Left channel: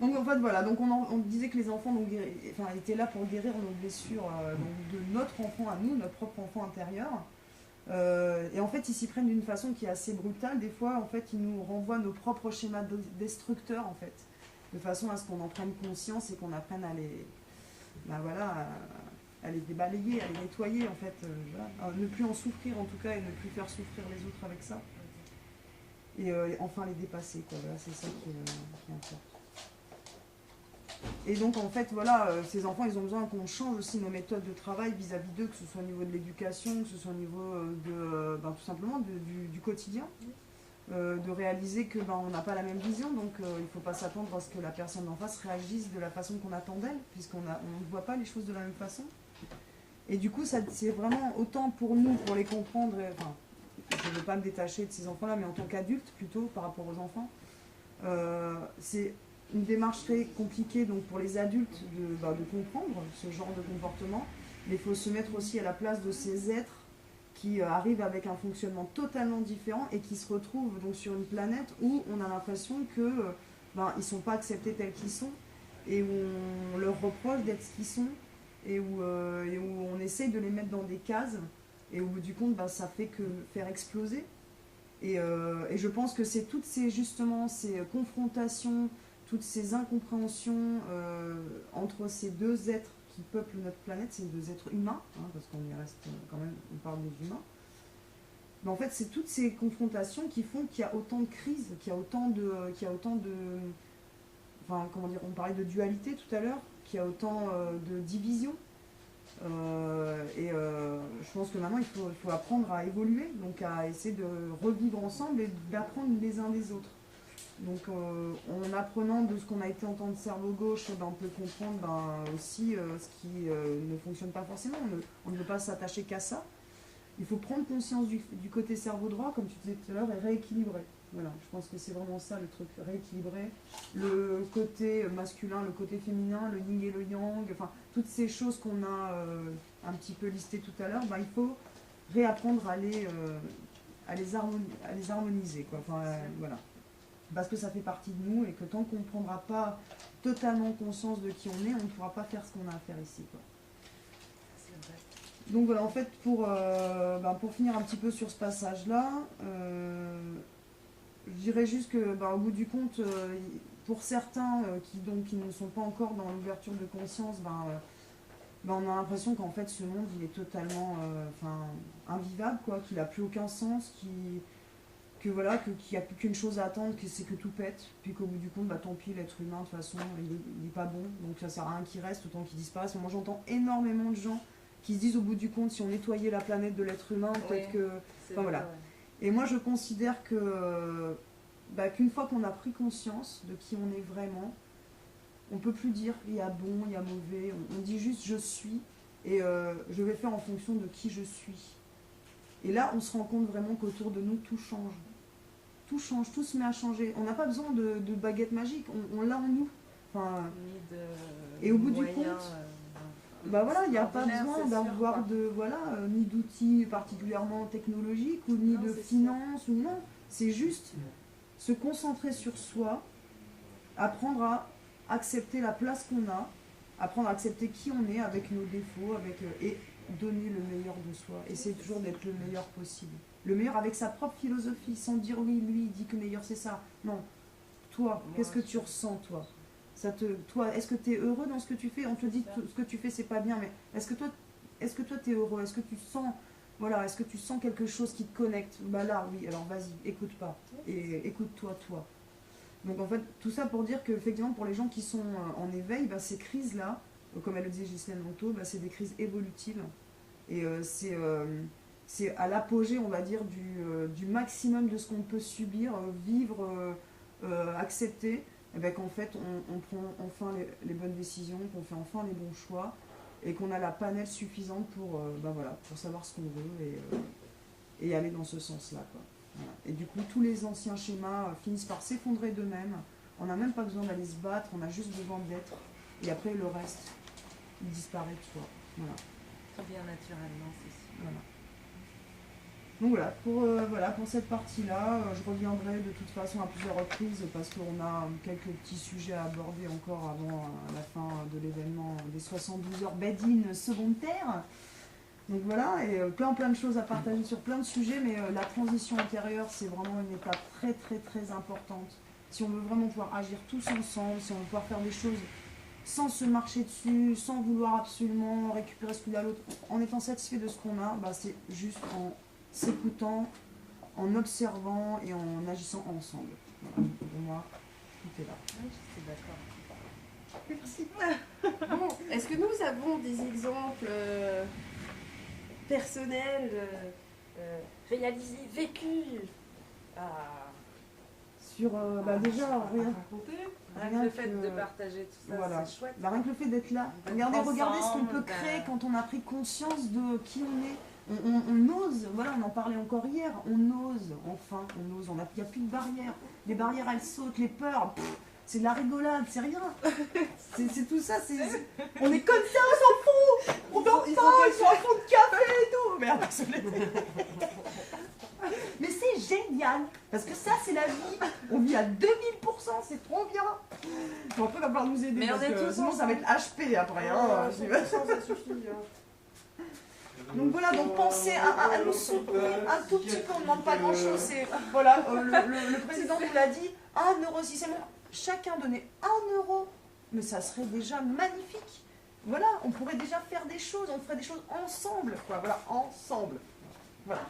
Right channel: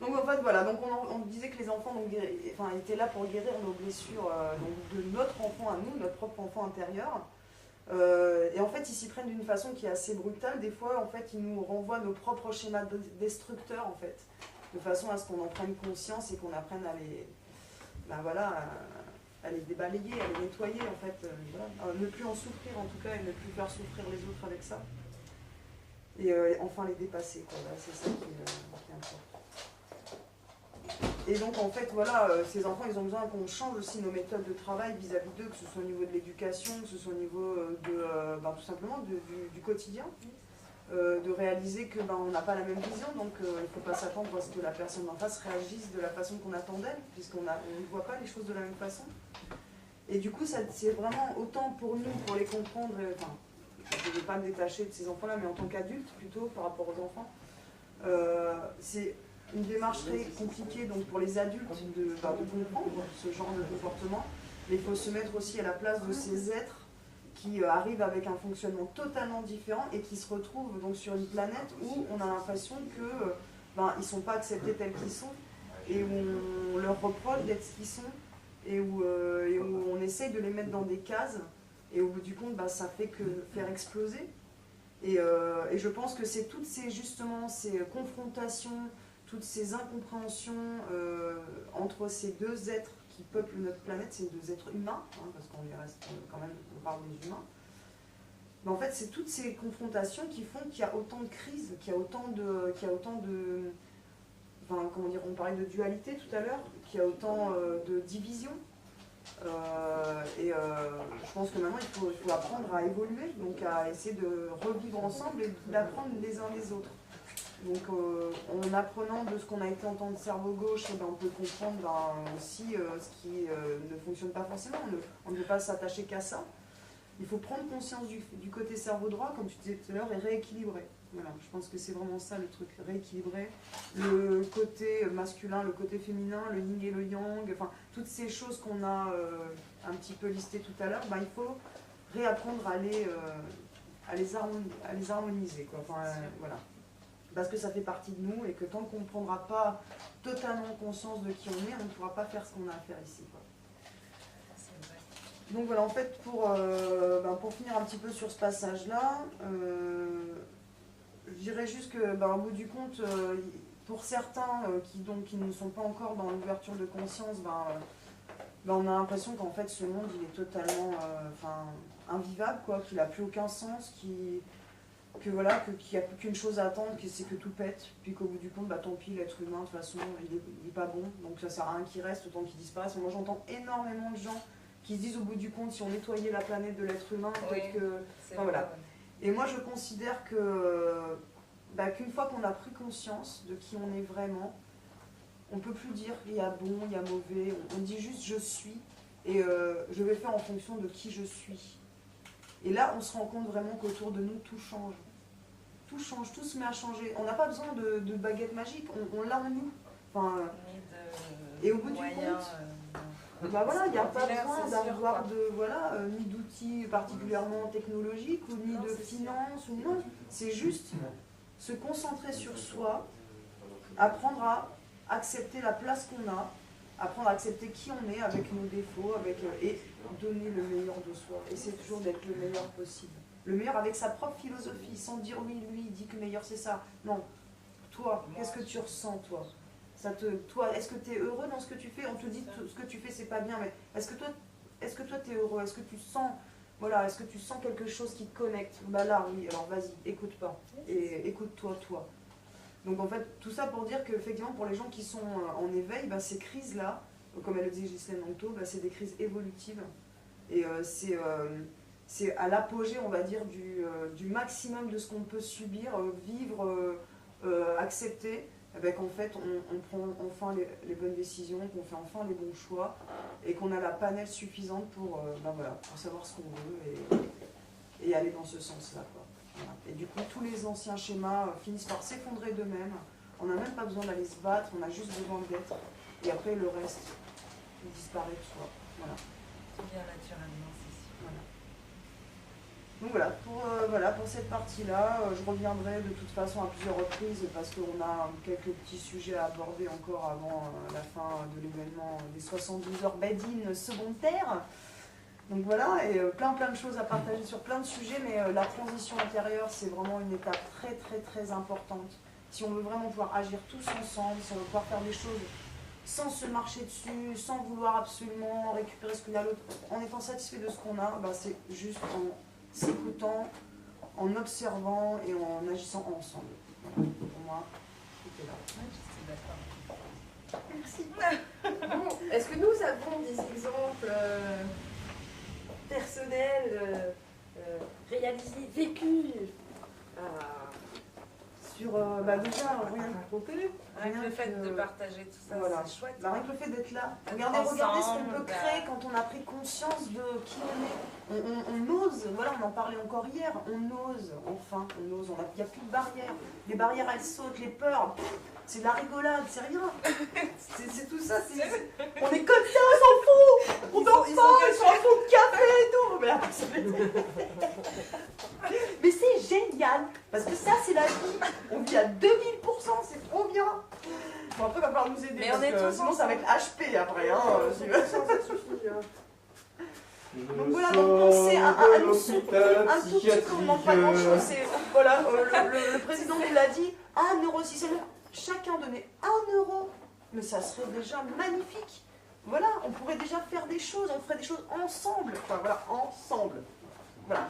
Donc en fait voilà, donc on disait que les enfants donc, enfin, étaient là pour guérir nos blessures donc, de notre enfant à nous, notre propre enfant intérieur. Et en fait ils s'y prennent d'une façon qui est assez brutale. Des fois en fait ils nous renvoient nos propres schémas destructeurs en fait, de façon à ce qu'on en prenne conscience et qu'on apprenne à les, ben voilà, à les débalayer, à les nettoyer en fait, voilà. À ne plus en souffrir en tout cas et ne plus faire souffrir les autres avec ça. Et enfin les dépasser quoi. Voilà, c'est ça qui est important. Et donc en fait voilà, ces enfants ils ont besoin qu'on change aussi nos méthodes de travail vis-à-vis d'eux, que ce soit au niveau de l'éducation, que ce soit au niveau ben, tout simplement du quotidien. De réaliser que ben, on n'a pas la même vision, donc il ne faut pas s'attendre à ce que la personne en face réagisse de la façon qu'on attend d'elle, puisqu'on ne voit pas les choses de la même façon. Et du coup, c'est vraiment autant pour nous, pour les comprendre, enfin, je ne veux pas me détacher de ces enfants-là, mais en tant qu'adulte plutôt par rapport aux enfants, c'est une démarche très compliquée donc, pour les adultes de comprendre ce genre de comportement, mais il faut se mettre aussi à la place de ces êtres qui arrivent avec un fonctionnement totalement différent et qui se retrouvent donc sur une planète où on a l'impression que ben, ils ne sont pas acceptés tels qu'ils sont et où on leur reproche d'être ce qu'ils sont et où on essaye de les mettre dans des cases et au bout du compte ben, ça fait que faire exploser et je pense que c'est toutes ces justement ces confrontations, toutes ces incompréhensions entre ces deux êtres qui peuplent notre planète, ces deux êtres humains, hein, parce qu'on reste quand même, on parle des humains. Mais en fait, c'est toutes ces confrontations qui font qu'il y a autant de crises, qu'il y a autant de, enfin, comment dire, on parlait de dualité tout à l'heure, qu'il y a autant de divisions. Je pense que maintenant, il faut apprendre à évoluer, donc à essayer de revivre ensemble et d'apprendre les uns des autres. Donc en apprenant de ce qu'on a été en tant que cerveau gauche, ben, on peut comprendre ben, aussi ce qui ne fonctionne pas forcément. On ne peut pas s'attacher qu'à ça. Il faut prendre conscience du côté cerveau droit, comme tu disais tout à l'heure, et rééquilibrer. Voilà, je pense que c'est vraiment ça le truc, rééquilibrer le côté masculin, le côté féminin, le yin et le yang, enfin toutes ces choses qu'on a un petit peu listées tout à l'heure, ben, il faut réapprendre à les harmoniser. Quoi. Enfin, voilà. Parce que ça fait partie de nous et que tant qu'on ne prendra pas totalement conscience de qui on est, on ne pourra pas faire ce qu'on a à faire ici. Quoi. Donc voilà, en fait, pour finir un petit peu sur ce passage-là, je dirais juste que, au bout du compte, pour certains qui ne sont pas encore dans l'ouverture de conscience, on a l'impression qu'en fait ce monde il est totalement invivable, quoi, qu'il n'a plus aucun sens, qu'il n'y a plus qu'une chose à attendre, c'est que tout pète, puis qu'au bout du compte, tant pis, l'être humain, de toute façon, il n'est pas bon, donc ça sert à rien qu'il reste, autant qu'il disparaisse. Moi j'entends énormément de gens qui se disent au bout du compte, si on nettoyait la planète de l'être humain, peut-être que... Enfin, voilà. Ouais. Et moi je considère qu'une fois qu'on a pris conscience de qui on est vraiment, on ne peut plus dire il y a bon, il y a mauvais, on dit juste je suis, et je vais faire en fonction de qui je suis. Et là on se rend compte vraiment qu'autour de nous tout change. Tout change, tout se met à changer. On n'a pas besoin de baguette magique, on l'a en nous. Enfin, et au bout du compte, voilà, il n'y a pas besoin d'avoir ni d'outils particulièrement technologiques ou ni de finances ou non. C'est juste se concentrer sur soi, apprendre à accepter la place qu'on a, apprendre à accepter qui on est avec nos défauts, et donner le meilleur de soi. Essayer toujours d'être le meilleur possible. Le meilleur avec sa propre philosophie, sans dire oui, lui, il dit que le meilleur c'est ça. Non. Toi, qu'est-ce que tu ressens, toi ? Toi, est-ce que tu es heureux dans ce que tu fais ? On te dit que ce que tu fais c'est pas bien, mais est-ce que toi tu es heureux ? Est-ce que tu sens est-ce que tu sens quelque chose qui te connecte ? Là oui, alors vas-y, écoute pas. Et écoute-toi, toi. Donc en fait, tout ça pour dire qu'effectivement pour les gens qui sont en éveil, ces crises-là, comme elle le disait Ghislaine Langto, c'est des crises évolutives. Et c'est à l'apogée, on va dire, du maximum de ce qu'on peut subir, vivre, accepter, qu'en fait on prend enfin les bonnes décisions, qu'on fait enfin les bons choix, et qu'on a la panelle suffisante pour savoir ce qu'on veut et aller dans ce sens-là. Voilà. Et du coup, tous les anciens schémas finissent par s'effondrer d'eux-mêmes. On n'a même pas besoin d'aller se battre, on a juste besoin d'être. Et après, le reste, il disparaît de soi. Voilà. Tout vient naturellement, c'est sûr. Voilà. Donc voilà, pour cette partie-là, je reviendrai de toute façon à plusieurs reprises parce qu'on a quelques petits sujets à aborder encore avant la fin de l'événement des 72 heures Badin seconde terre. Donc voilà, et plein de choses à partager sur plein de sujets, mais la transition intérieure, c'est vraiment une étape très importante. Si on veut vraiment pouvoir agir tous ensemble, si on veut pouvoir faire des choses sans se marcher dessus, sans vouloir absolument récupérer ce qu'il y a l'autre, en étant satisfait de ce qu'on a, bah c'est juste en s'écoutant, en observant et en agissant ensemble. Voilà. Pour moi, tout est là. Oui, je sais d'accord. Merci. Bon, est-ce que nous avons des exemples personnels, réalisés, vécus sur déjà rien Avec le fait de partager tout ça, voilà. c'est chouette. Rien que le fait d'être là. Regardez ce qu'on peut créer quand on a pris conscience de qui on est. On ose, voilà, on en parlait encore hier, on ose, enfin, on ose, il n'y a plus de barrières. Les barrières, elles sautent, les peurs, c'est de la rigolade, c'est rien. C'est tout ça, on est comme ça, on s'en fout. On dort pas, ils sont en fond de café et tout. Merde, mais c'est génial, parce que ça, c'est la vie. On vit à 2000%, c'est trop bien. Bon, après, il va falloir nous aider, mais parce on est que tous sinon, ça va être HP après. ça suffit. Donc voilà, donc pensez à nous soutenir un tout petit peu, on ne demande pas grand chose. Voilà, le président nous l'a dit, 1 euro, si seulement chacun donnait 1 euro, mais ça serait déjà magnifique. Voilà, on pourrait déjà faire des choses, on ferait des choses ensemble, quoi, voilà, ensemble. Voilà.